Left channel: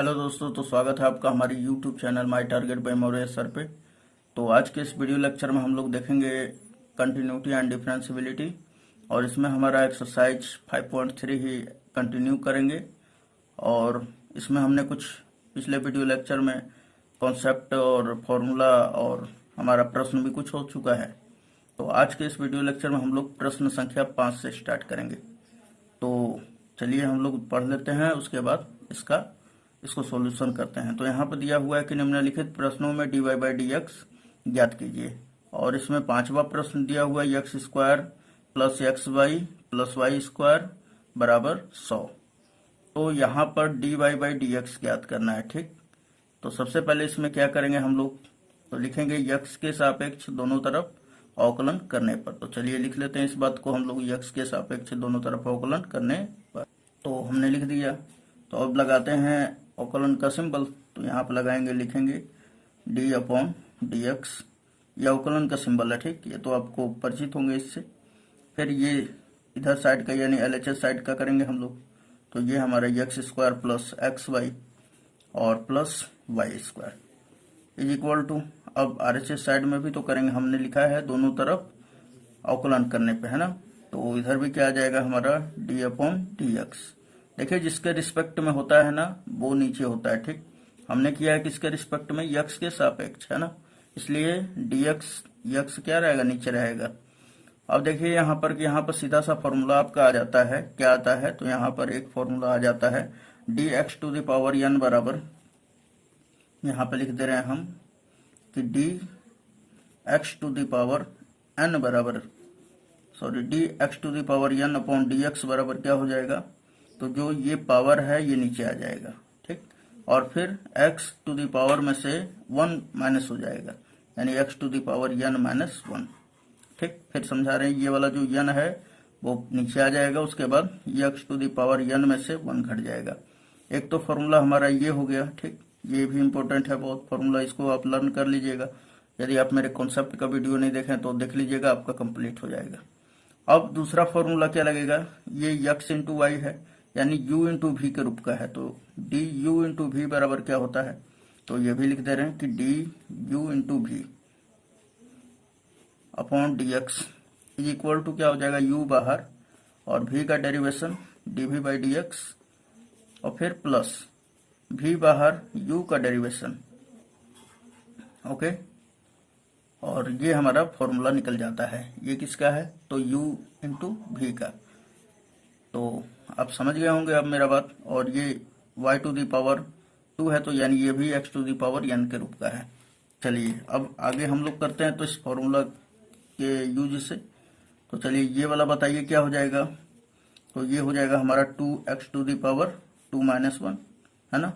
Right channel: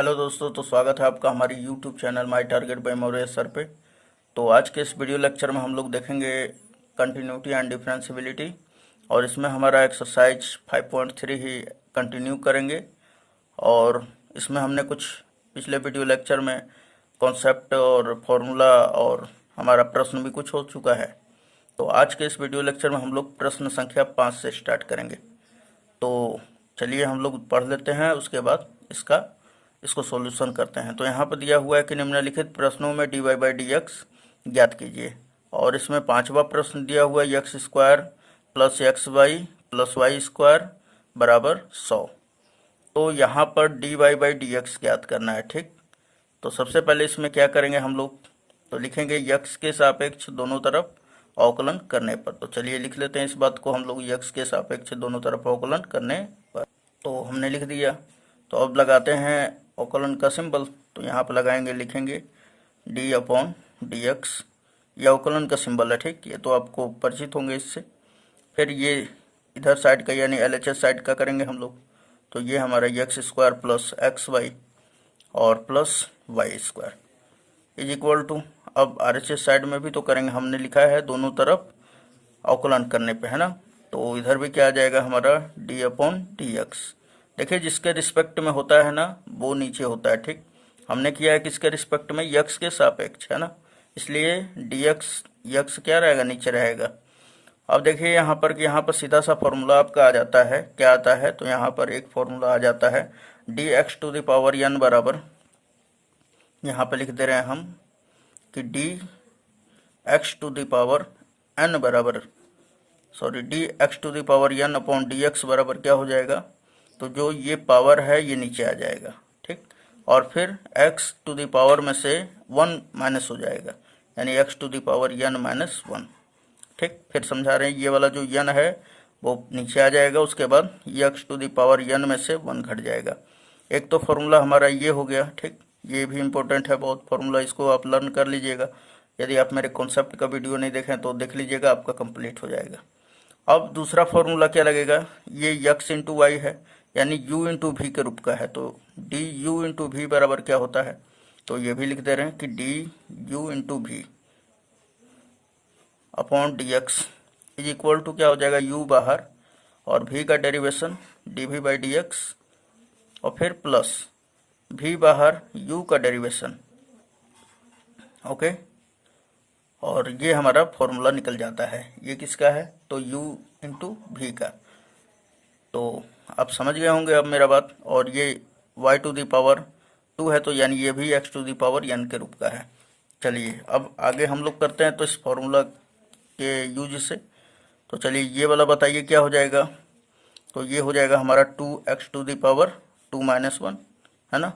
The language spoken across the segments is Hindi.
हेलो दोस्तों, तो स्वागत है आपका हमारी YouTube channel my target by Maurya sir पे। तो आज के इस वीडियो लेक्चर में हम लोग देखेंगे कंटिन्यूटी एंड डिफरेंशिबिलिटी, और इसमें हमारा एक्सरसाइज 5.3 ही कंटिन्यू करेंगे। और इसमें हमने कुछ पिछले वीडियो लेक्चर में कॉन्सेप्ट और फॉर्मूला और हमारा प्रश्न भी कुछ हो चुका है। तो आज के इस वीडियो लेक्चर में हम लोग प्रश्न संख्या 5 से स्टार्ट करेंगे। तो चलिए हम लोग पढ़ लेते हैं, उसके बाद इसको सॉल्यूशन करते हैं। तो यहाँ पर दिया हुआ है कि निम्नलिखित प्रश्नों में d y by d x ज्ञात कीजिए। और इसमें पांचवा प्रश्न दिया हुआ है x square plus x y plus y square बराबर 100। तो यहाँ पर d y by d x ज्ञात करना है, ठीक। तो सबसे पहले इसमें क्या करेंगे हम लोग, तो लिखेंगे यक्स के सापेक्ष दोनों तरफ अवकलन करने पर। तो चलिए लिख लेते हैं इस बात को हम लोग, यक्स के सापेक्ष दोनों तरफ अवकलन करने पर। तो हमने लिख दिया। तो अब लगाते हैं अवकलन का सिंबल। तो यहाँ पर लगाएंगे, लिखेंगे डी अपॉन डी एक्स। ये अवकलन का सिंबल है, ठीक। ये तो आपको परिचित होंगे इससे। फिर ये इधर साइड का यानी LHS साइड का करेंगे हम लोग। तो ये हमारा x square plus x y और plus y square is equal to, अब RHS साइड में भी तो करेंगे, हमने लिखा है दोनों तरफ अवकलन करने पे, है ना। तो इधर भी क्या आ जाएगा हमारा डी अपॉन डी एक्स। देखिए जिसके रिस्पेक्ट में होता है ना वो नीचे होता है, ठीक। हमने किया है किसके रिस्पेक्ट में, यक्स के सापेक्ष, है ना। इसलिए डी एक्स यक्स क्या रहेगा, नीचे रहेगा। अब देखिए यहाँ पर कि यहाँ पर सीधा सा फॉर्मूला आपका आ जाता है, क्या आता है, तो यहाँ पर एक फॉर्मूला आ जाता है d x to the power n बराबर, यहाँ पे लिख दे रहे हैं हम कि d x to the power n बराबर, sorry d x to the power n upon d x बराबर क्या हो जाएगा, तो जो ये पावर है ये नीचे आ जाएगा, ठीक। और फिर x टू द पावर में से 1 माइनस हो जाएगा, यानी x to the power n minus 1, ठीक। फिर समझा रहे हैं ये वाला जो n है वो नीचे आ जाएगा, उसके बाद x to the power n में से 1 घट जाएगा। एक तो फॉर्मूला हमारा ये हो गया, ठीक। ये भी इम्पोर्टेंट है बहुत फॉर्मूला, इसको आप लर्न कर लीजिएगा। यदि आप मेरे कॉन्सेप्ट का वीडियो नहीं देखें तो देख लीजिएगा, आपका कंप्लीट हो जाएगा। अब दूसरा फॉर्मूला क्या लगेगा, ये x इंटू वाई है, यानी u इंटू वी के रूप का है। तो डी यू इंटू वी बराबर क्या होता है, तो ये भी लिख दे रहे हैं कि d u into v upon d x is equal to क्या हो जाएगा, u बाहर और v का derivation d v by d x, और फिर प्लस v बाहर u का डेरिवेशन, ओके। और ये हमारा फॉर्मूला निकल जाता है। ये किसका है, तो u इंटू वी का। तो आप समझ गए होंगे अब मेरा बात। और ये y टू दी पावर 2 है, तो यानी ये भी x to the power n के रूप का है। चलिए अब आगे हम लोग करते हैं तो इस फॉर्मूला के यूज से। तो चलिए ये वाला बताइए क्या हो जाएगा, तो ये हो जाएगा हमारा 2x to the power 2 minus 1, है ना।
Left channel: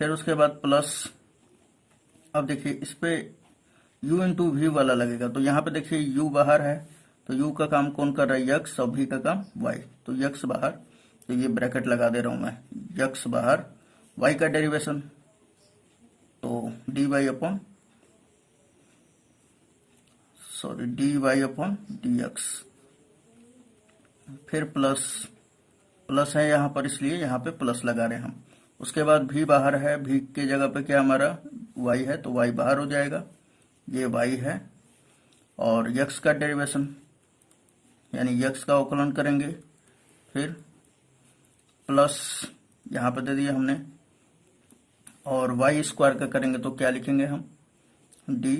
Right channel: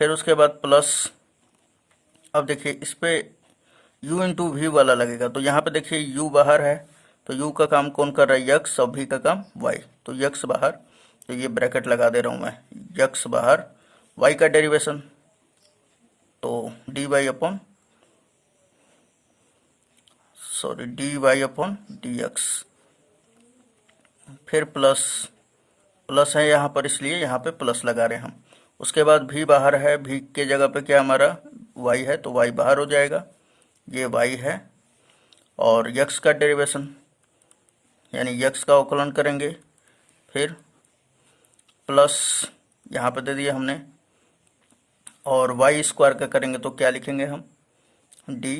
फिर उसके बाद प्लस, अब देखिए इस पे u इंटू वी वाला लगेगा। तो यहाँ पे देखिए u बाहर है, तो u का काम कौन कर रहा है, यक्स, और v का काम y। तो यक्स बाहर, तो ये ब्रैकेट लगा दे रहा हूं मैं, यक्स बाहर y का डेरिवेशन, तो d y upon, sorry d y upon d x. फिर प्लस, प्लस है यहाँ पर इसलिए यहाँ पे प्लस लगा रहे हैं हम। उसके बाद v बाहर है, v के जगह पे क्या हमारा y है, तो y बाहर हो जाएगा, ये y है। और यक्स का डेरिवेशन यानी यक्स का अवकलन करेंगे, फिर प्लस यहाँ पे दे दिया हमने, और वाई स्क्वायर का करेंगे तो क्या लिखेंगे हम, डी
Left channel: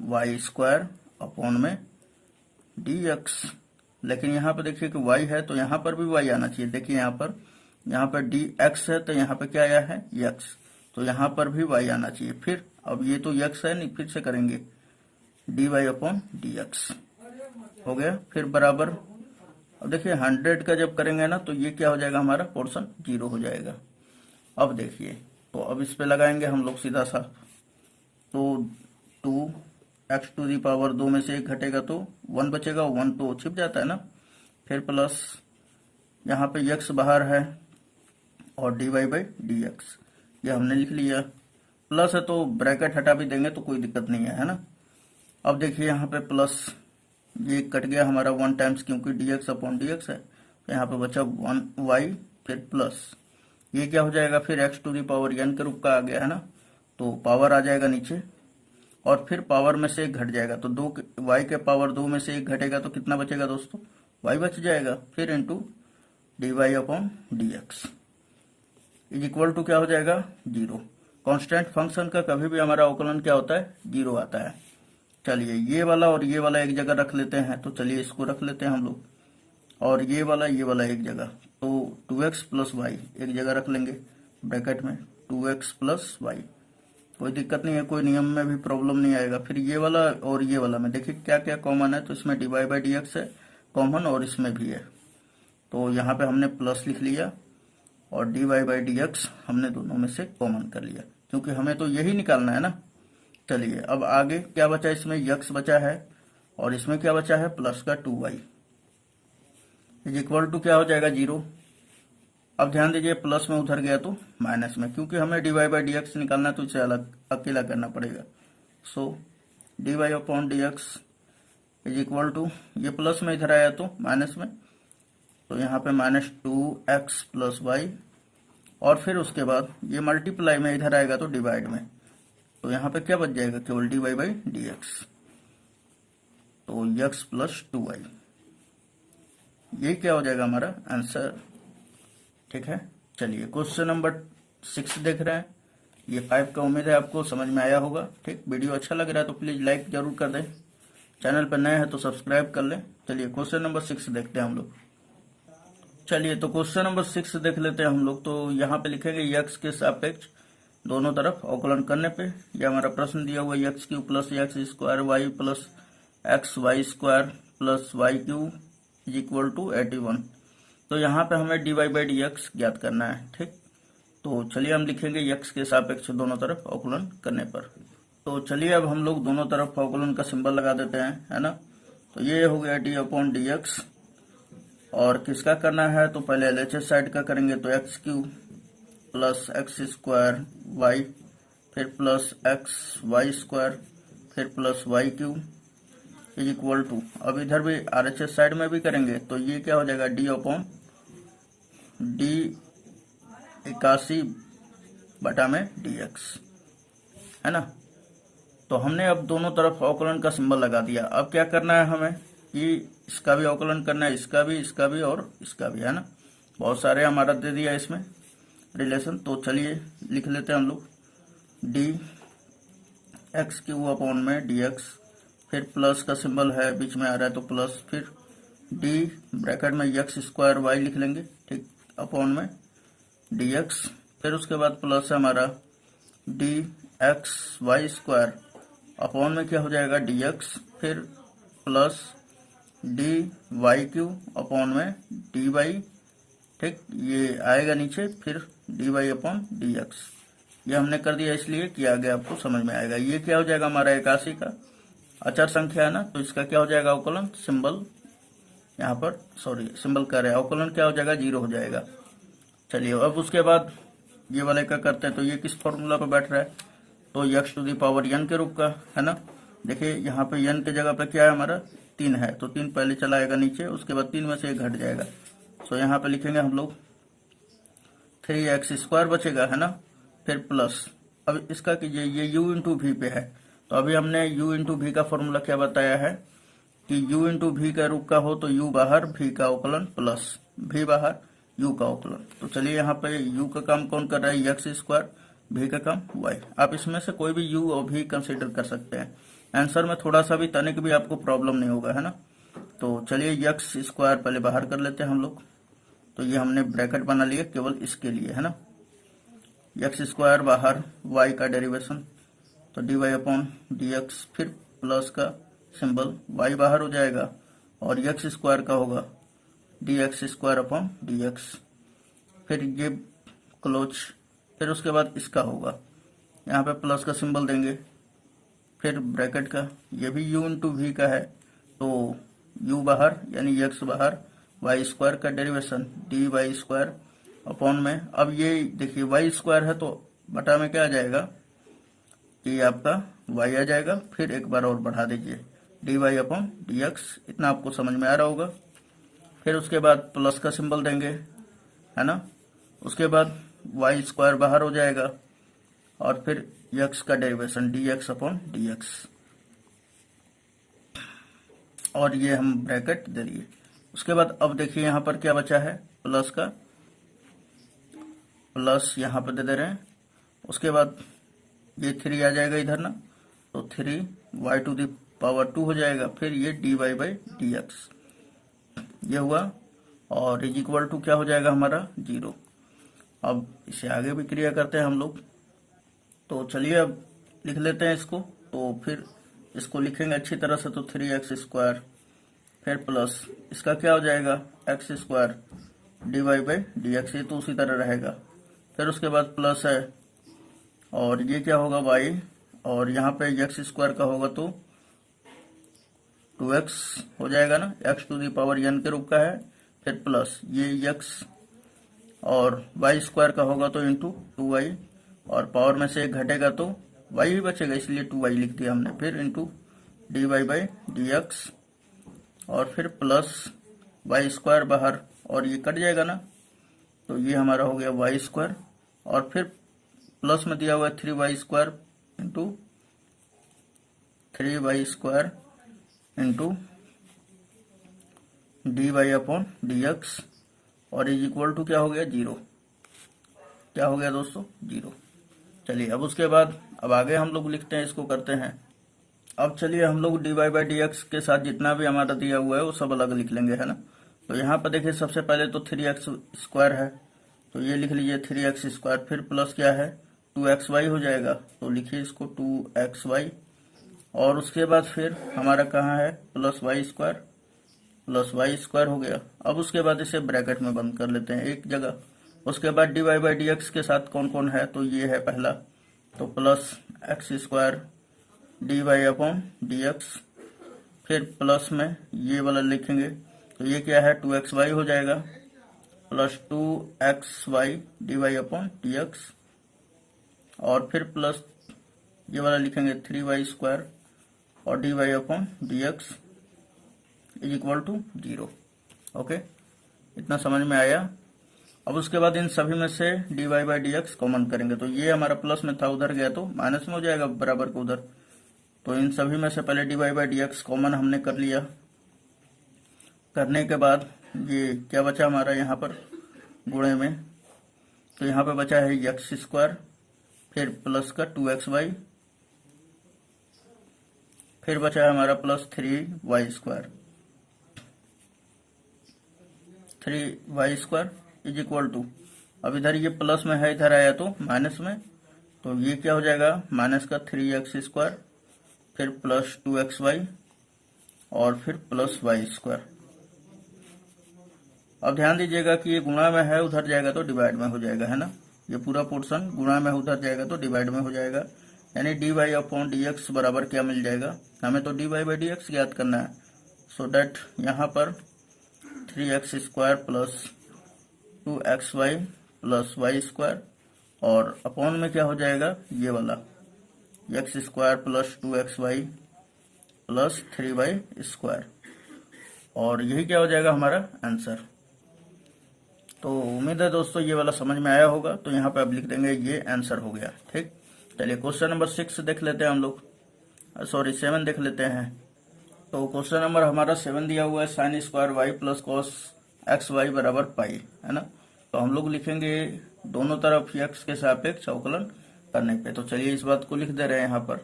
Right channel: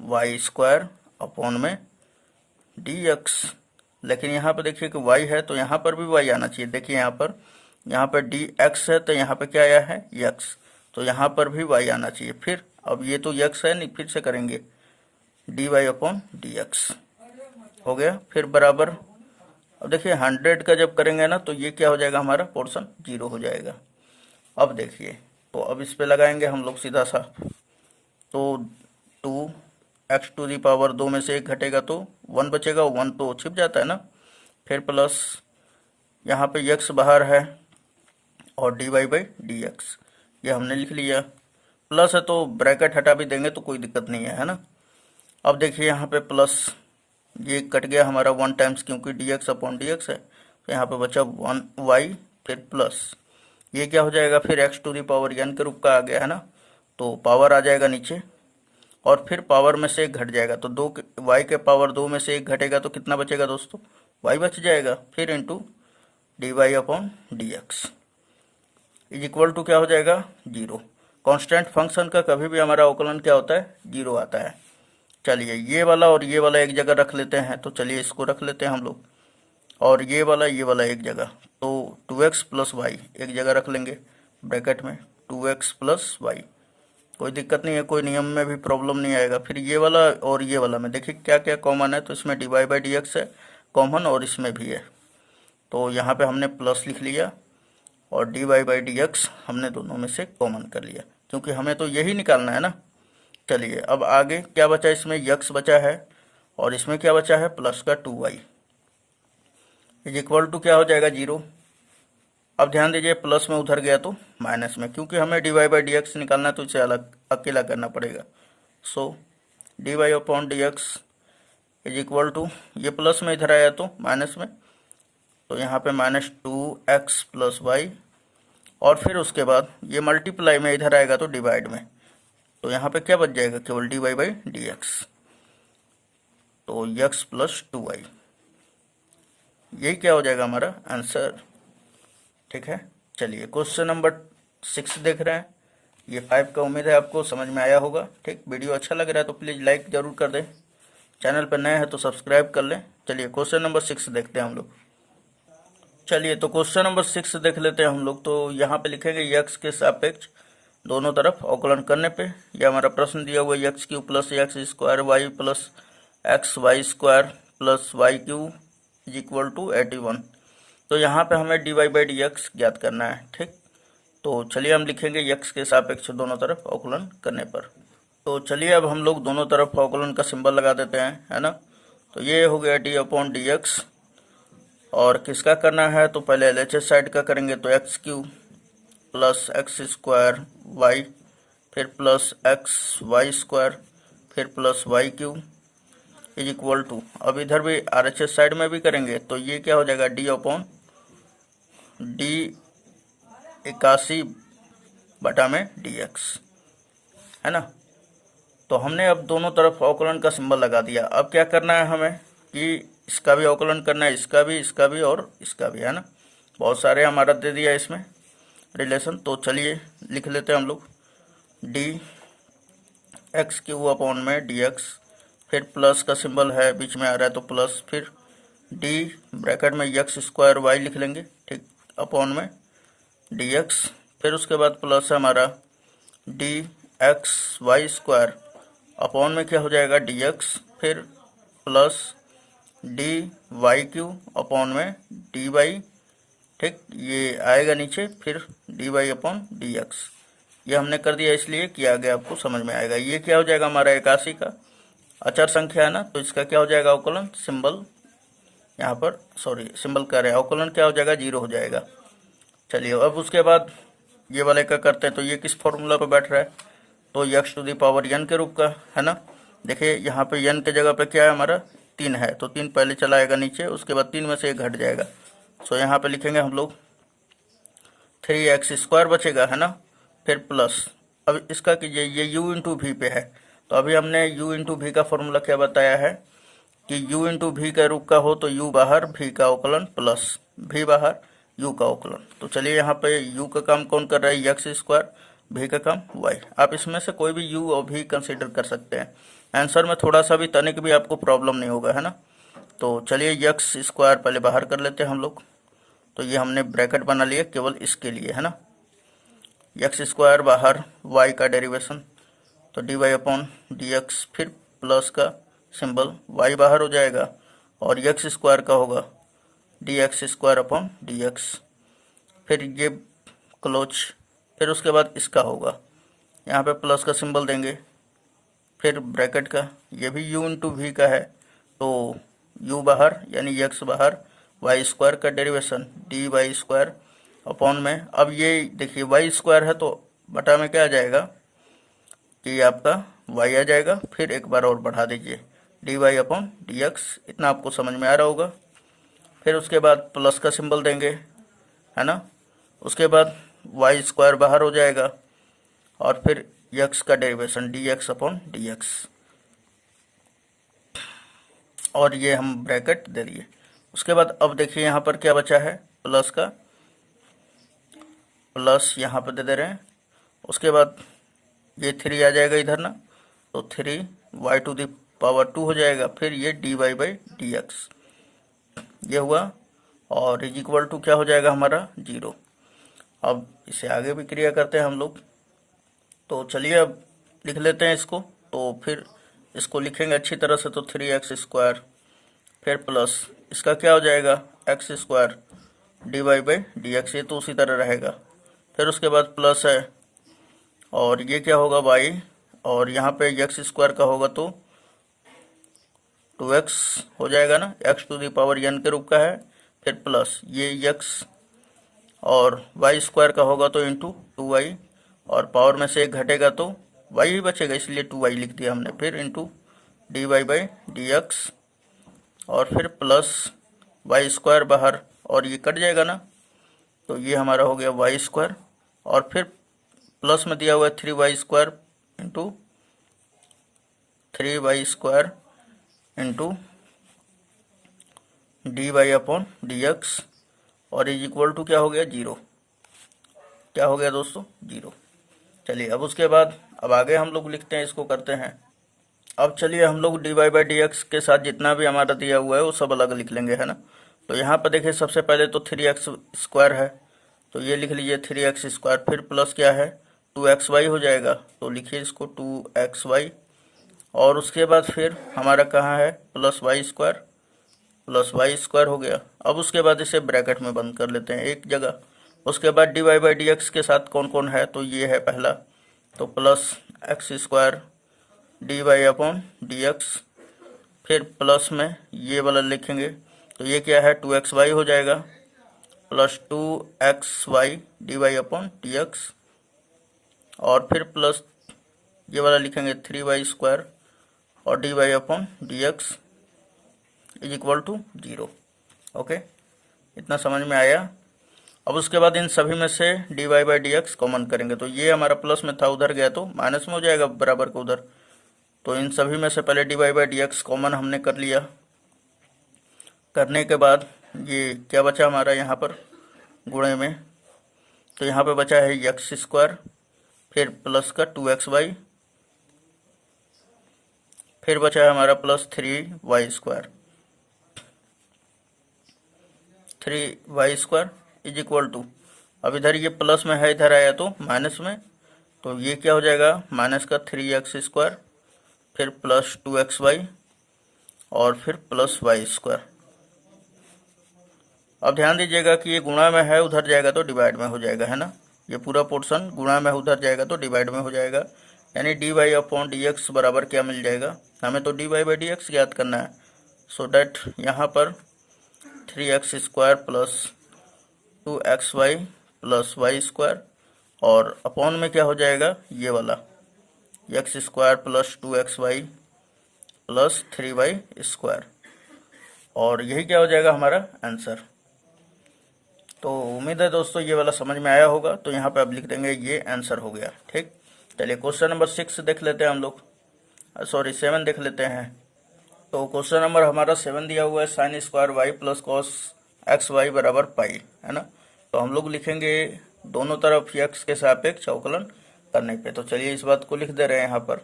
वाई स्क्वायर अपॉन में डी एक्स। लेकिन यहाँ पे देखिए कि y है, तो यहाँ पर भी y आना चाहिए। देखिए यहाँ पर डी एक्स है, तो यहाँ पे क्या आया है, यक्स, तो यहाँ पर भी y आना चाहिए। फिर अब ये तो यक्स है नहीं, फिर से करेंगे d y upon d x, हो गया। फिर बराबर, अब देखिए 100 का जब करेंगे ना तो ये क्या हो जाएगा, हमारा पोर्शन 0 हो जाएगा। अब देखिए, तो अब इस पे लगाएंगे हम लोग सीधा सा, तो 2x टू दी पावर 2 में से 1 घटेगा तो 1 बचेगा, 1 तो छिप जाता है ना। फिर प्लस यहाँ पे x बाहर है और d y by d x, ये हमने लिख लिया। प्लस है तो ब्रैकेट हटा भी देंगे तो कोई दिक्कत नहीं है ना। अब देखिए यहाँ पे प्लस, ये कट गया हमारा 1 टाइम्स, क्योंकि D x upon d x है, तो यहाँ पे बचा 1 वाई, फिर प्लस ये क्या हो जाएगा फिर x to the power n के रूप का आ गया है ना, तो पावर आ जाएगा नीचे और फिर पावर में से एक घट जाएगा, तो y के पावर 2 में से एक घटेगा तो कितना बचेगा दोस्तों, y बच जाएगा, फिर into d y upon d x is equal to क्या हो जाएगा 0। कांस्टेंट फंक्शन का कभी भी हमारा अवकलन क्या होता है 0 आता है। चलिए ये वाला और ये वाला एक जगह रख लेते हैं, तो चलिए इसको रख लेते हैं हम लोग, और ये वाला एक जगह, तो 2x प्लस वाई एक जगह रख लेंगे ब्रैकेट में, 2x प्लस वाई, कोई दिक्कत नहीं है, कोई नियम में भी प्रॉब्लम नहीं आएगा। फिर ये वाला और ये वाला में देखिए क्या क्या कॉमन है, तो इसमें d y by d x है कॉमन और इसमें भी है, तो यहाँ पे हमने प्लस लिख लिया और d y by d x हमने दोनों में से कॉमन कर लिया, क्योंकि हमें तो यही निकालना है ना। चलिए अब आगे क्या बचा, इसमें यक्स बचा है और इसमें क्या बचा है प्लस का 2y इज इक्वल टू क्या हो जाएगा 0। अब ध्यान दीजिए प्लस में उधर गया तो माइनस में, क्योंकि हमें d y by d x निकालना है तो इसे अलग अकेला करना पड़ेगा। So d y upon d x is equal to, ये प्लस में इधर आया तो माइनस में, तो यहाँ पे -2x प्लस वाई, और फिर उसके बाद ये मल्टीप्लाई में इधर आएगा तो डिवाइड में, तो यहाँ पे क्या बच जाएगा केवल d y by d x, तो x प्लस 2y, यही क्या हो जाएगा हमारा आंसर। ठीक है, चलिए क्वेश्चन नंबर 6 देख रहे हैं, ये 5 का उम्मीद है आपको समझ में आया होगा। ठीक, वीडियो अच्छा लग रहा है तो प्लीज़ लाइक जरूर कर दें, चैनल पर नए हैं तो सब्सक्राइब कर लें। चलिए क्वेश्चन नंबर 6 देखते हैं हम लोग। चलिए तो क्वेश्चन नंबर 6 देख लेते हैं हम लोग। तो यहाँ पे लिखेंगे यक्स के सापेक्ष दोनों तरफ अवकलन करने पे, ये हमारा प्रश्न दिया हुआ है x cube plus x square y plus x y square plus y cube is equal to 81। तो यहाँ पे हमें d y by d x ज्ञात करना है। ठीक, तो चलिए हम लिखेंगे यक्स के सापेक्ष दोनों तरफ अवकलन करने पर। तो चलिए अब हम लोग दोनों तरफ अवकलन का सिंबल लगा देते हैं, है ना। तो ये हो गया डी अपॉन डी एक्स, और किसका करना है तो पहले एलएचएस साइड का करेंगे, तो x cube plus x square y, फिर प्लस एक्स वाई स्क्वायर, फिर plus y cube is equal to, अब इधर भी आरएचएस साइड में भी करेंगे तो ये क्या हो जाएगा डी अपॉन डी 81 बटा में डी एक्स, है ना। तो हमने अब दोनों तरफ अवकलन का सिंबल लगा दिया। अब क्या करना है हमें कि इसका भी अवकलन करना है, इसका भी और इसका भी, है ना। बहुत सारे हमारा दे दिया इसमें रिलेशन, तो चलिए लिख लेते हैं हम लोग डी एक्स क्यू अपॉन में डी एक्स, फिर प्लस का सिंबल है बीच में आ रहा है तो प्लस, फिर डी ब्रैकेट में एक्स स्क्वायर वाई लिख लेंगे, ठीक, अपॉन में डी एक्स, फिर उसके बाद प्लस हमारा d x y square upon में क्या हो जाएगा डी एक्स, फिर plus d y cube upon में डी वाई, ठीक, ये आएगा नीचे, फिर d y upon d x. ये हमने कर दिया इसलिए कि आगे आपको समझ में आएगा। ये क्या हो जाएगा हमारा 81 का अचर संख्या है ना, तो इसका क्या हो जाएगा अवकलन सिंबल, यहाँ पर सॉरी सिंबल कर रहे हैं, अवकलन क्या हो जाएगा 0 हो जाएगा। चलिए अब उसके बाद ये वाले का करते हैं, तो ये किस फॉर्मूला पे बैठ रहा है, तो x to the power n के रूप का, है ना। देखिए यहाँ पे एन के जगह पे क्या है हमारा 3 है, तो 3 पहले चला आएगा नीचे, उसके बाद 3 में से 1 घट जाएगा, सो यहाँ पे लिखेंगे हम लोग 3x स्क्वायर बचेगा, है ना, फिर प्लस, अब इसका कीजिए ये u इंटू वी पे है, तो अभी हमने u इंटू वी का फॉर्मूला क्या बताया है कि u इंटू वी का रूप का हो तो u बाहर v का अवकलन प्लस v बाहर u का अवकलन। तो चलिए यहाँ पे u का काम कौन कर रहा है एक्स स्क्वायर, v का काम y, आप इसमें से कोई भी u और v कंसिडर कर सकते हैं, आंसर में थोड़ा सा भी तनिक भी आपको प्रॉब्लम नहीं होगा, है ना। तो चलिए एक्स स्क्वायर पहले बाहर कर लेते हैं हम लोग, तो ये हमने ब्रैकेट बना लिया केवल इसके लिए, है ना। एक्स स्क्वायर बाहर वाई का डेरिवेशन, तो d y upon d x, फिर प्लस का सिंबल, वाई बाहर हो जाएगा और एक्स स्क्वायर का होगा d x square upon d x, फिर ये क्लोज, फिर उसके बाद इसका होगा यहाँ पे प्लस का सिंबल देंगे, फिर ब्रैकेट का, ये भी u इंटू वी का है, तो u बाहर यानी x बाहर, वाई स्क्वायर का derivation d y square upon में, अब ये देखिए वाई स्क्वायर है तो बटा में क्या आ जाएगा कि आपका y आ जाएगा, फिर एक बार और बढ़ा दीजिए d y upon d x, इतना आपको समझ में आ रहा होगा। फिर उसके बाद प्लस का सिंबल देंगे, है ना, उसके बाद वाई स्क्वायर बाहर हो जाएगा और फिर यक्स का derivation D x upon d x, और ये हम ब्रैकेट दे दिए। उसके बाद अब देखिए यहाँ पर क्या बचा है, प्लस का प्लस यहाँ पर दे रहे हैं। उसके बाद ये 3 आ जाएगा इधर ना, तो 3y⁴ हो जाएगा। फिर ये dy/dx ये हुआ, और इज इक्वल टू क्या हो जाएगा हमारा 0। अब इसे आगे भी क्रिया करते हैं हम लोग, तो चलिए अब लिख लेते हैं इसको। तो फिर इसको लिखेंगे अच्छी तरह से, तो 3x², फिर प्लस इसका क्या हो जाएगा x² dy/dx, ये तो उसी तरह रहेगा। फिर उसके बाद प्लस है, और ये क्या होगा y, और यहाँ पे x² का होगा तो 2x हो जाएगा ना, x⁴n के रूप का है। फिर प्लस ये x और y² का होगा तो इंटू 2y, और पावर में से एक घटेगा तो y ही बचेगा, इसलिए 2y लिख दिया हमने। फिर इंटू dy/dx, और फिर प्लस y² बाहर, और ये कट जाएगा ना, तो ये हमारा हो गया y², और फिर प्लस में दिया हुआ है 3y² into 3y² into dy/dx, और इज इक्वल टू क्या हो गया 0। क्या हो गया दोस्तों 0। चलिए अब उसके बाद अब आगे हम लोग लिखते हैं, इसको करते हैं। अब चलिए हम लोग dy/dx के साथ जितना भी हमारा दिया हुआ है वो सब अलग लिख लेंगे, है ना। तो यहाँ पर देखिए सबसे पहले तो 3x² है, तो ये लिख लीजिए 3x²। फिर प्लस क्या है 2xy हो जाएगा, तो लिखिए इसको 2xy। और उसके बाद फिर हमारा कहाँ है प्लस y² हो गया। अब उसके बाद इसे ब्रैकेट में बंद कर लेते हैं एक जगह। उसके बाद dy/dx के साथ कौन कौन है, तो ये है पहला, तो प्लस x² dy/dx। फिर प्लस में ये वाला लिखेंगे, तो ये क्या है 2xy हो जाएगा, प्लस 2xy dy/dx। और फिर प्लस ये वाला लिखेंगे 3y² और dy/dx is equal to 0। Okay, इतना समझ में आया। अब उसके बाद इन सभी में से dy/dx कॉमन करेंगे, तो ये हमारा प्लस में था, उधर गया तो माइनस में हो जाएगा बराबर को उधर। तो इन सभी में से पहले dy/dx कॉमन हमने कर लिया। करने के बाद ये क्या बचा हमारा यहाँ पर गुणे में, तो यहाँ पे बचा है x², फिर प्लस का 2xy, फिर बचा है हमारा plus 3y² is equal to, अब इधर ये प्लस में है, इधर आया तो माइनस में, तो ये क्या हो जाएगा माइनस का 3x², फिर प्लस 2xy और फिर प्लस y²। अब ध्यान दीजिएगा कि ये गुणा में है, उधर जाएगा तो डिवाइड में हो जाएगा, है ना। ये पूरा पोर्शन गुणा में उधर जाएगा तो डिवाइड में हो जाएगा, यानी dy/dx बराबर क्या मिल जाएगा, हमें तो dy/dx याद करना है। सो डैट यहाँ पर 3x² plus 2xy plus y² और अपॉन में क्या हो जाएगा ये वाला x² plus 2xy plus 3y², और यही क्या हो जाएगा हमारा आंसर। तो उम्मीद है दोस्तों ये वाला समझ में आया होगा। तो यहाँ पे अब लिख देंगे ये आंसर हो गया। ठीक, चलिए क्वेश्चन नंबर 6 देख लेते हैं हम लोग, सॉरी 7 देख लेते हैं। तो क्वेश्चन नंबर हमारा 7 दिया हुआ है sin² y plus cos xy बराबर पाई, है ना। तो हम लोग लिखेंगे दोनों तरफ x के सापेक्ष अवकलन करने पे। तो चलिए इस बात को लिख दे रहे हैं यहाँ पर।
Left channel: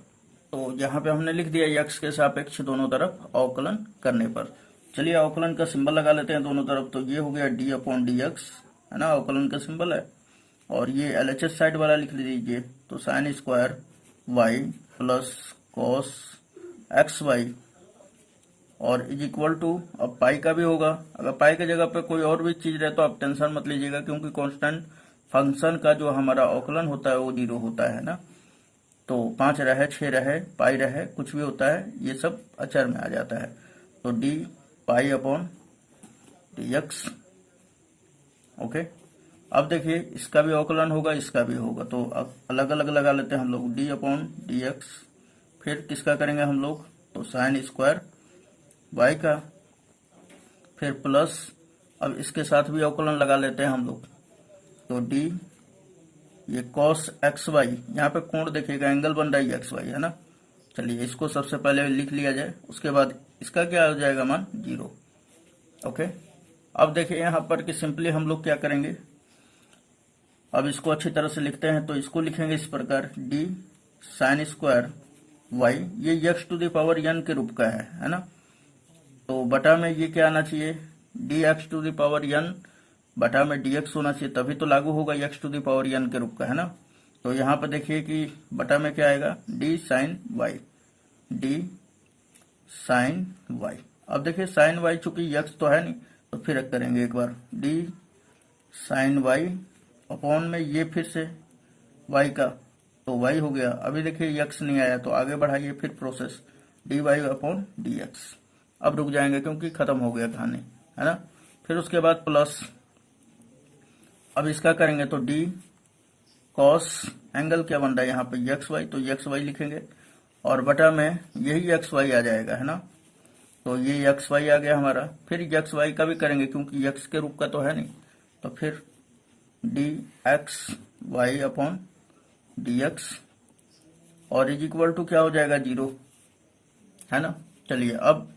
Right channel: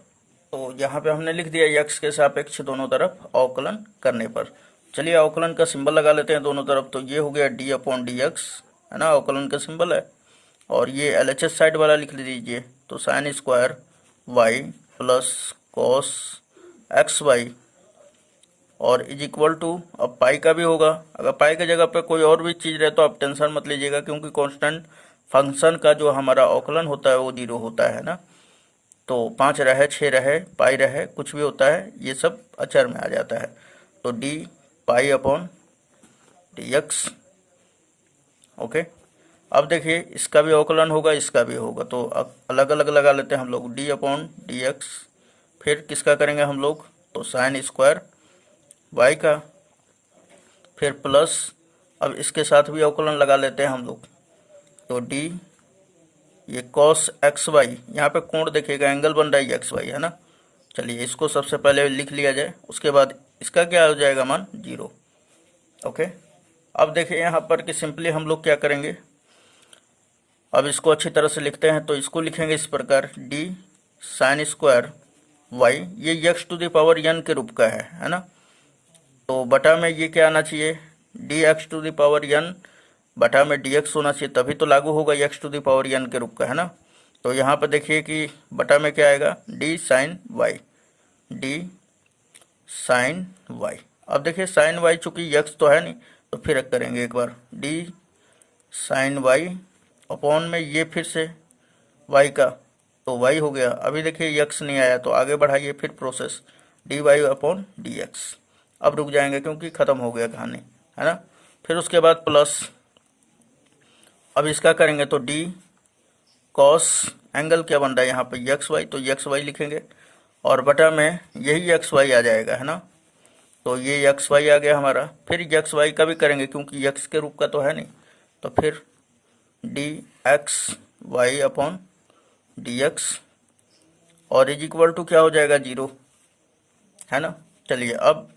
तो यहाँ पे हमने लिख दिया x के सापेक्ष दोनों तरफ अवकलन करने पर। चलिए अवकलन का सिंबल लगा लेते हैं दोनों तरफ। तो ये हो गया d/dx, है ना, अवकलन का सिंबल है। और ये LHS साइड वाला लिख लीजिए, तो sin² y plus cos xy और इज इक्वल टू, अब पाई का भी होगा। अगर पाई की जगह पे कोई और भी चीज़ रहे तो आप टेंशन मत लीजिएगा, क्योंकि कांस्टेंट फंक्शन का जो हमारा अवकलन होता है वो 0 होता है ना। तो 5 रहे, 6 रहे, पाई रहे, कुछ भी होता है, ये सब अचर में आ जाता है। तो d/dx। ओके, अब देखिए इसका भी अवकलन होगा, इसका भी होगा, तो अब अलग अलग लगा लेते हैं हम लोग। d/dx, फिर किसका करेंगे हम लोग, तो sin² y का, फिर प्लस, अब इसके साथ भी अवकलन लगा लेते हैं हम लोग। तो d ये कॉस एक्स वाई, यहाँ पे कोण देखिएगा एंगल बन रहा है एक्स वाई, है ना। चलिए इसको सबसे पहले लिख लिया जाए, उसके बाद इसका क्या हो जाएगा मान 0। ओके, अब देखिए यहाँ पर कि सिंपली हम लोग क्या करेंगे, अब इसको अच्छी तरह से लिखते हैं। तो इसको लिखेंगे इस प्रकार, डी साइन स्क्वायर वाई, ये x to the power n के रूप का है ना। तो बटा में ये क्या आना चाहिए, d x to the power n बटा में डी एक्स होना चाहिए, तभी तो लागू होगा x to the power n के रूप का, है ना। तो यहाँ पर देखिए कि बटा में क्या आएगा, d sine y, d sine y. अब देखिए साइन वाई चूंकि एक्स तो है नहीं, तो फिर करेंगे एक बार, डी साइन वाई अपॉन में ये फिर से वाई का, तो वाई हो गया। अभी देखिए एक्स नहीं आया, तो आगे बढ़ाइए फिर process, d y upon d x. अब रुक जाएंगे क्योंकि खत्म हो गया कहानी, है ना। फिर उसके बाद प्लस, अब इसका करेंगे तो डी कॉस एंगल क्या बन रहा है यहाँ पे एक्स वाई, तो एक्स वाई लिखेंगे और बटा में यही एक्स वाई आ जाएगा, है ना। तो ये एक्स वाई आ गया हमारा। फिर एक्स वाई का भी करेंगे क्योंकि एक्स के रूप का तो है नहीं, तो फिर d x y upon d x और इज इक्वल टू क्या हो जाएगा 0, है ना। चलिए अब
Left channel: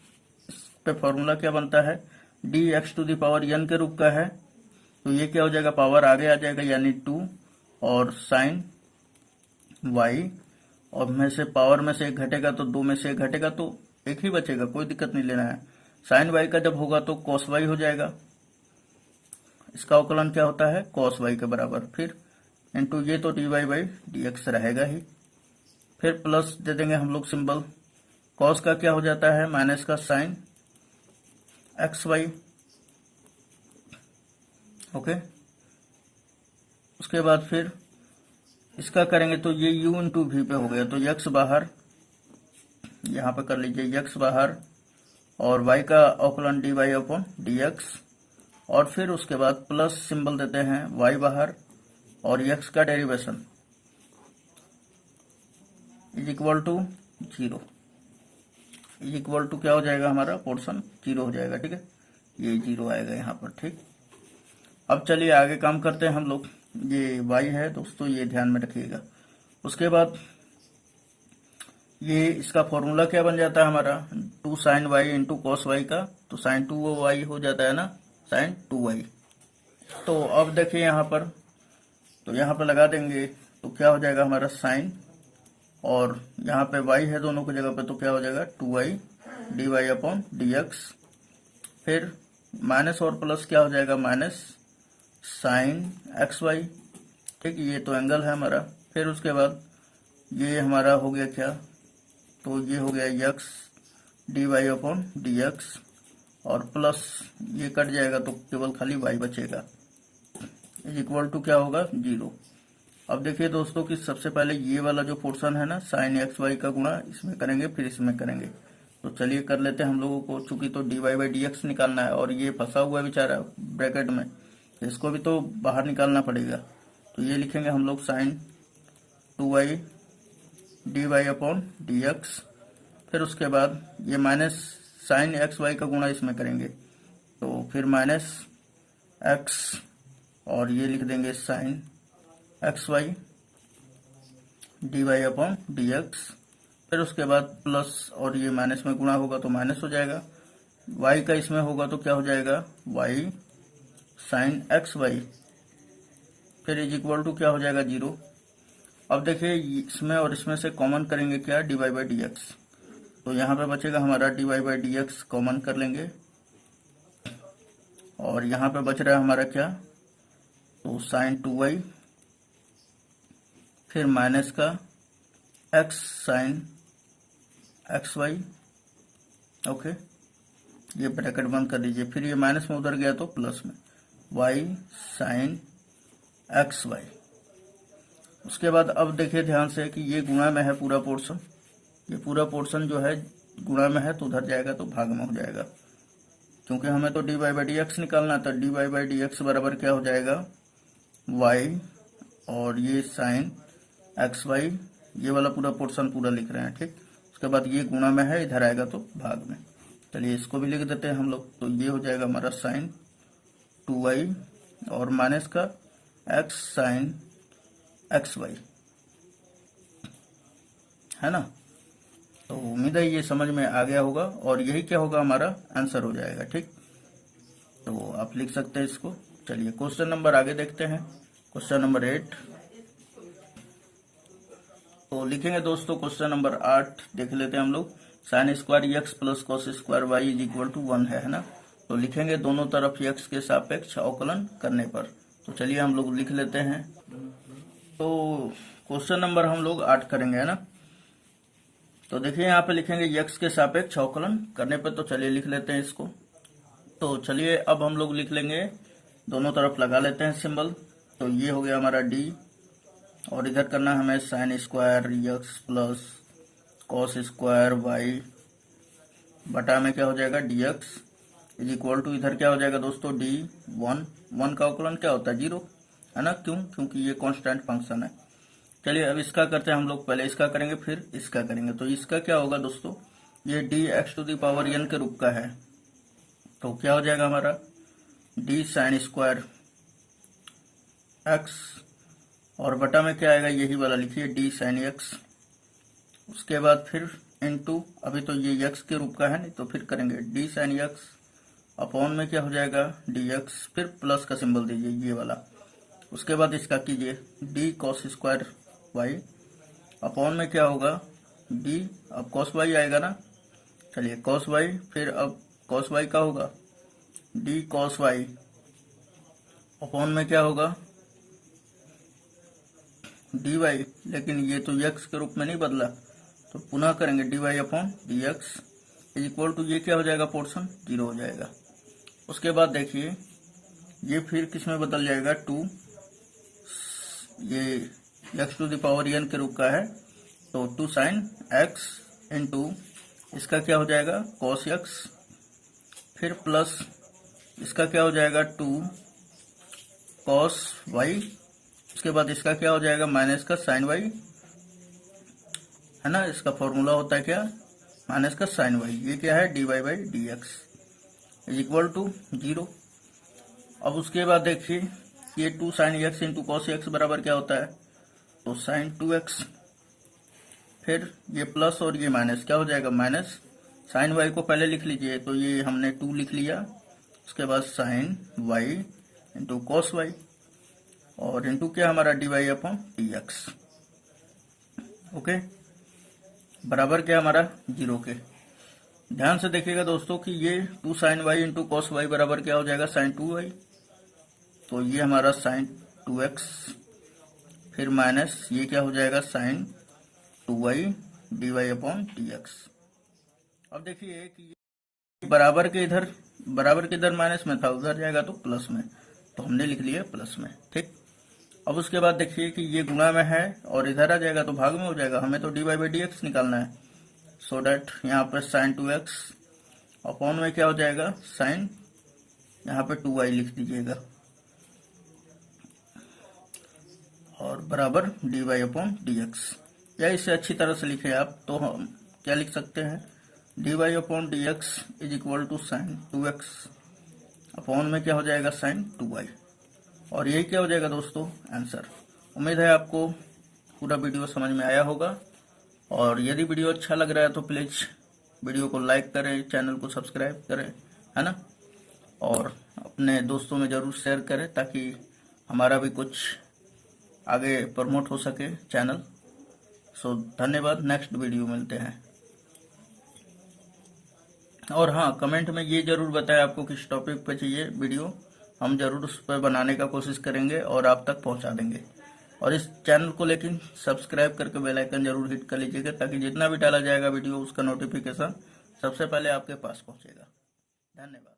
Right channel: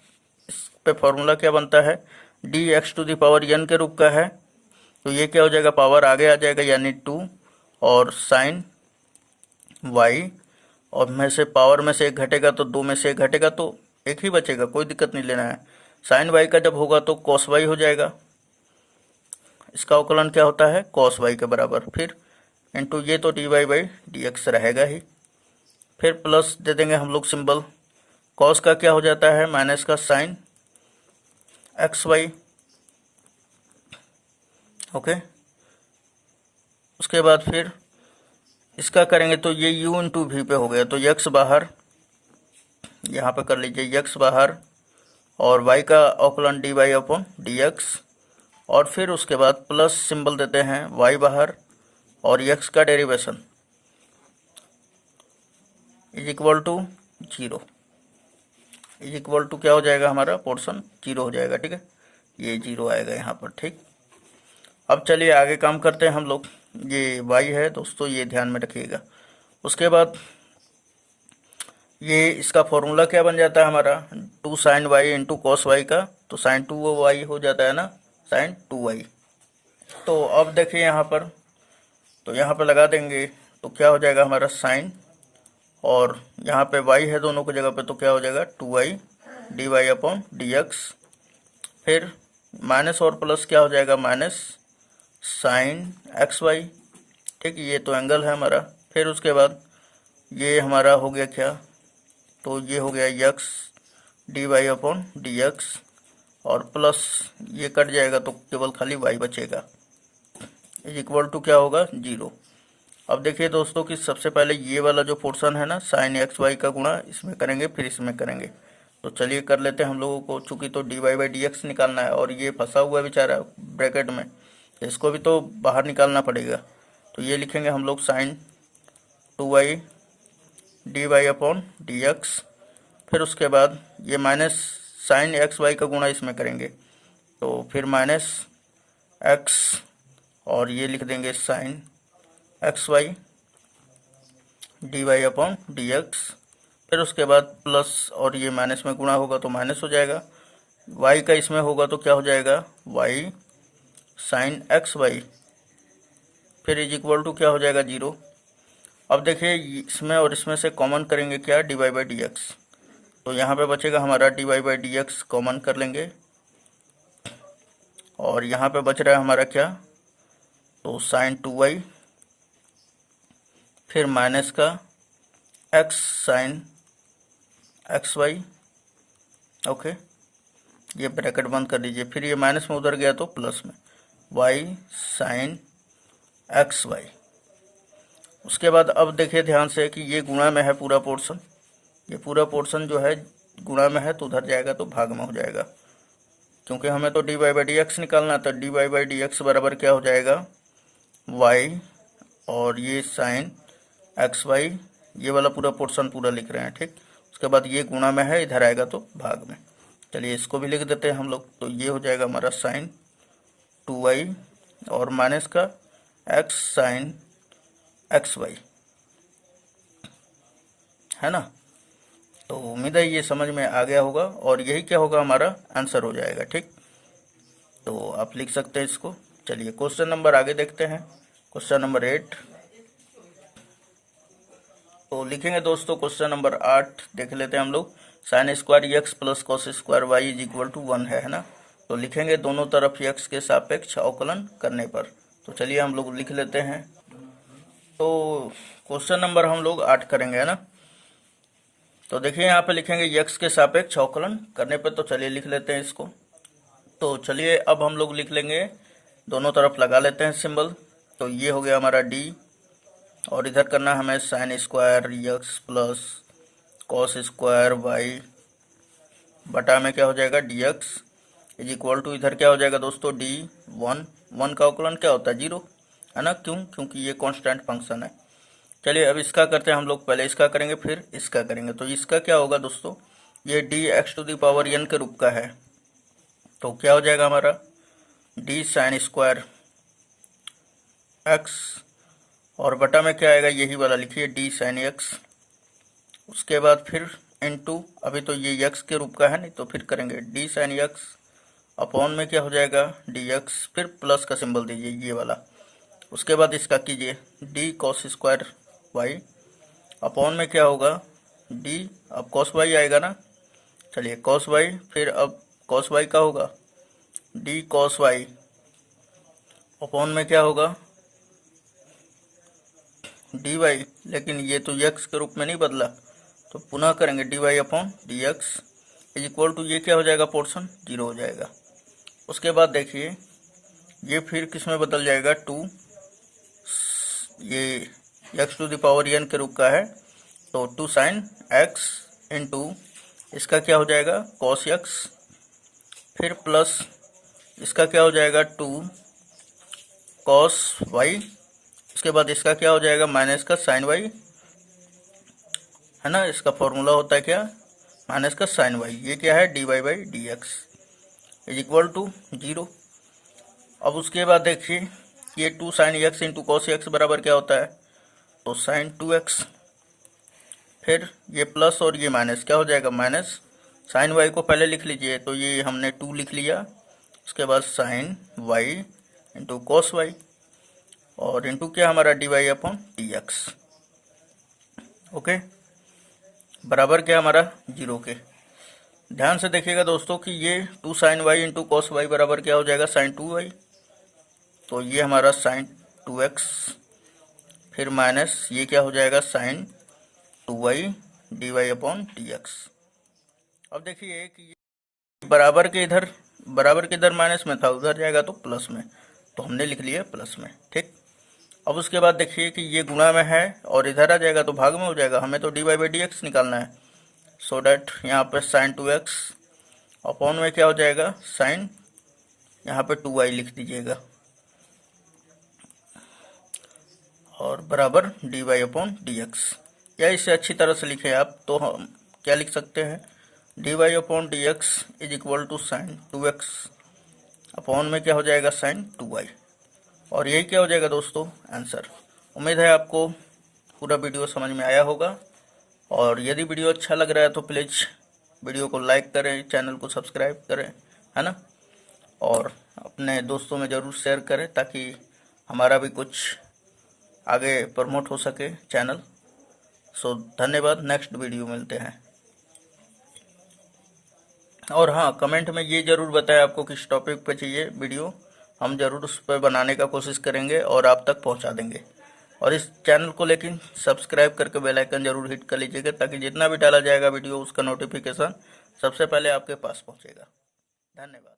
इस पे फॉर्मूला क्या बनता है, d x to the power n के रूप का है, तो ये क्या हो जाएगा, पावर आगे आ जाएगा यानी 2 और साइन वाई, और में से पावर में से एक घटेगा तो 2 में से एक घटेगा तो एक ही बचेगा, कोई दिक्कत नहीं लेना है। साइन वाई का जब होगा तो कॉस वाई हो जाएगा, इसका अवकलन क्या होता है कॉस वाई के बराबर, फिर इंटू ये तो d y by d x रहेगा ही। फिर प्लस दे देंगे हम लोग सिंबल, कॉस का क्या हो जाता है माइनस का साइन एक्स वाई। ओके, उसके बाद फिर इसका करेंगे तो ये u इंटू वी पे हो गया, तो x बाहर, यहाँ पे कर लीजिए x बाहर और y का अवकलन d y upon d x, और फिर उसके बाद प्लस सिंबल देते हैं y बाहर और x का derivation is equal to 0, is equal to क्या हो जाएगा हमारा पोर्शन 0 हो जाएगा, ठीक है, ये 0 आएगा यहाँ पर, ठीक। अब चलिए आगे काम करते हैं हम लोग, ये y है दोस्तों, ये ध्यान में रखिएगा। उसके बाद ये इसका फॉर्मूला क्या बन जाता है हमारा, 2 sine y into cos y का, तो साइन 2 वाई हो जाता है ना, साइन 2 वाई। तो अब देखिए यहाँ पर, तो यहाँ पर लगा देंगे तो क्या हो जाएगा हमारा साइन, और यहाँ पे y है दोनों की जगह पे, तो क्या हो जाएगा 2y d y upon d x, फिर माइनस और प्लस क्या हो जाएगा माइनस साइन एक्स वाई, ठीक, ये तो एंगल है हमारा। फिर उसके बाद ये हमारा हो गया क्या, तो ये हो गया x d y upon d x, और प्लस ये कट जाएगा तो केवल खाली y बचेगा, इज इक्वल टू क्या होगा 0। अब देखिए दोस्तों कि सबसे पहले ये वाला जो पोर्शन है ना साइन एक्स वाई का गुणा इसमें करेंगे, फिर इसमें करेंगे। तो चलिए कर लेते हैं हम लोगों को, चूंकि तो d y by d x निकालना है और ये फंसा हुआ बेचारा ब्रैकेट में, इसको भी तो बाहर निकालना पड़ेगा। तो ये लिखेंगे हम लोग sine 2y d y upon d x, फिर उसके बाद ये माइनस साइन एक्स वाई का गुणा इसमें करेंगे, तो फिर माइनस एक्स और ये लिख देंगे sine x y d y upon d x, फिर उसके बाद प्लस और ये माइनस में गुणा होगा तो माइनस हो जाएगा, y का इसमें होगा तो क्या हो जाएगा y साइन एक्स वाई, फिर इज इक्वल टू क्या हो जाएगा 0। अब देखिए इसमें और इसमें से कॉमन करेंगे क्या d y by d x, तो यहाँ पे बचेगा हमारा d y by d x, common कर लेंगे, और यहाँ पे बच रहा है हमारा क्या, तो साइन 2y, फिर माइनस का x sine x y. Okay, ये ब्रैकेट बंद कर दीजिए, फिर ये माइनस में उधर गया तो प्लस में y साइन एक्स वाई। उसके बाद अब देखिए ध्यान से कि ये गुणा में है पूरा पोर्शन, ये पूरा पोर्शन जो है गुणा में है तो उधर जाएगा तो भाग में हो जाएगा, क्योंकि हमें तो d y by d x निकालना था। D y by d x बराबर क्या हो जाएगा y और ये साइन एक्स वाई, ये वाला पूरा पोर्शन पूरा लिख रहे हैं, ठीक। उसके बाद ये गुणा में है, इधर आएगा तो भाग में। चलिए इसको भी लिख देते हैं हम लोग, तो ये हो जाएगा हमारा साइन 2y और माइनस का x साइन एक्स वाई, है ना। तो उम्मीद है ये समझ में आ गया होगा और यही क्या होगा, हमारा आंसर हो जाएगा। ठीक, तो आप लिख सकते हैं इसको। चलिए क्वेश्चन नंबर आगे देखते हैं, क्वेश्चन नंबर 8। तो लिखेंगे दोस्तों क्वेश्चन नंबर 8 देख लेते हैं हम लोग। Sine square x plus cos square y is equal to 1 है ना। तो लिखेंगे दोनों तरफ एक्स के सापेक्ष अवकलन करने पर। तो चलिए हम लोग लिख लेते हैं। तो क्वेश्चन नंबर हम लोग 8 करेंगे, है ना। तो देखिए यहाँ पे लिखेंगे यक्स के सापेक्ष अवकलन करने पर। तो चलिए लिख लेते हैं इसको। तो चलिए अब हम लोग लिख लेंगे, दोनों तरफ लगा लेते हैं सिंबल। तो ये हो गया हमारा डी, और इधर करना हमें sine square x plus cos square y बटा में क्या हो जाएगा d x is equal to, इधर क्या हो जाएगा दोस्तों डी 1 का अवकलन क्या होता है 0, है ना। क्यों? क्योंकि ये कांस्टेंट फंक्शन है। चलिए अब इसका करते हैं हम लोग, पहले इसका करेंगे फिर इसका करेंगे। तो इसका क्या होगा दोस्तों, ये d x to the power n के रूप का है। तो क्या हो जाएगा हमारा डी साइन स्क्वायर एक्स, और बटा में क्या आएगा यही वाला लिखिए डी साइन एक्स। उसके बाद फिर इनटू, अभी तो ये एक्स के रूप का है नहीं, तो फिर करेंगे डी साइन एक्स अपॉन में क्या हो जाएगा डी एक्स, फिर प्लस का सिंबल दीजिए ये वाला। उसके बाद इसका कीजिए d cos square y upon में क्या होगा डी, अब कॉस वाई आएगा ना। चलिए कॉस वाई, फिर अब कॉस वाई का होगा डी कॉस वाई अपॉन में क्या होगा डी वाई, लेकिन ये तो एक्स के रूप में नहीं बदला, तो पुनः करेंगे d y upon d x is equal to, ये क्या हो जाएगा पोर्शन 0 हो जाएगा। उसके बाद देखिए ये फिर किस में बदल जाएगा 2, ये x to the power n के रूप का है, तो 2 साइन एक्स इंटू इसका क्या हो जाएगा कॉस एक्स, फिर प्लस इसका क्या हो जाएगा 2 कॉस वाई, उसके बाद इसका क्या हो जाएगा माइनस का साइन वाई, है ना। इसका फॉर्मूला होता है क्या माइनस का साइन वाई, ये क्या है d y by d x is equal to 0। अब उसके बाद देखिए ये 2 sine x into cos x बराबर क्या होता है, तो साइन 2x, फिर ये प्लस और ये माइनस क्या हो जाएगा माइनस साइन वाई को पहले लिख लीजिए, तो ये हमने 2 लिख लिया। उसके बाद sine y into cos y, और इंटू क्या हमारा d y upon d x, okay, बराबर क्या हमारा 0 के। ध्यान से देखिएगा दोस्तों कि ये 2 sine y into cos y बराबर क्या हो जाएगा साइन 2y, तो ये हमारा साइन 2x, फिर माइनस ये क्या हो जाएगा sine 2y d y upon d x. अब देखिए कि बराबर के इधर माइनस में था, उधर जाएगा तो प्लस में, तो हमने लिख लिया प्लस में। ठीक, अब उसके बाद देखिए कि ये गुणा में है और इधर आ जाएगा तो भाग में हो जाएगा, हमें तो d y by d x निकालना है। सो डैट यहाँ पे साइन 2x अपॉन में क्या हो जाएगा साइन, यहाँ पे 2y लिख दीजिएगा, और बराबर d y upon d x, या इसे अच्छी तरह से लिखे आप तो हम क्या लिख सकते हैं d y upon d x is equal to sine 2x upon में क्या हो जाएगा साइन 2y, और यही क्या हो जाएगा दोस्तों आंसर। उम्मीद है आपको पूरा वीडियो समझ में आया होगा, और यदि वीडियो अच्छा लग रहा है तो प्लीज़ वीडियो को लाइक करें, चैनल को सब्सक्राइब करें, है ना, और अपने दोस्तों में ज़रूर शेयर करें ताकि हमारा भी कुछ आगे प्रमोट हो सके चैनल। सो धन्यवाद, नेक्स्ट वीडियो मिलते हैं। और हाँ, कमेंट में ये ज़रूर बताएं आपको किस टॉपिक पे चाहिए वीडियो, हम ज़रूर उस पर बनाने का कोशिश करेंगे और आप तक पहुंचा देंगे। और इस चैनल को लेकिन सब्सक्राइब करके बेल आइकन जरूर हिट कर लीजिएगा ताकि जितना भी डाला जाएगा वीडियो उसका नोटिफिकेशन सबसे पहले आपके पास पहुंचेगा। धन्यवाद।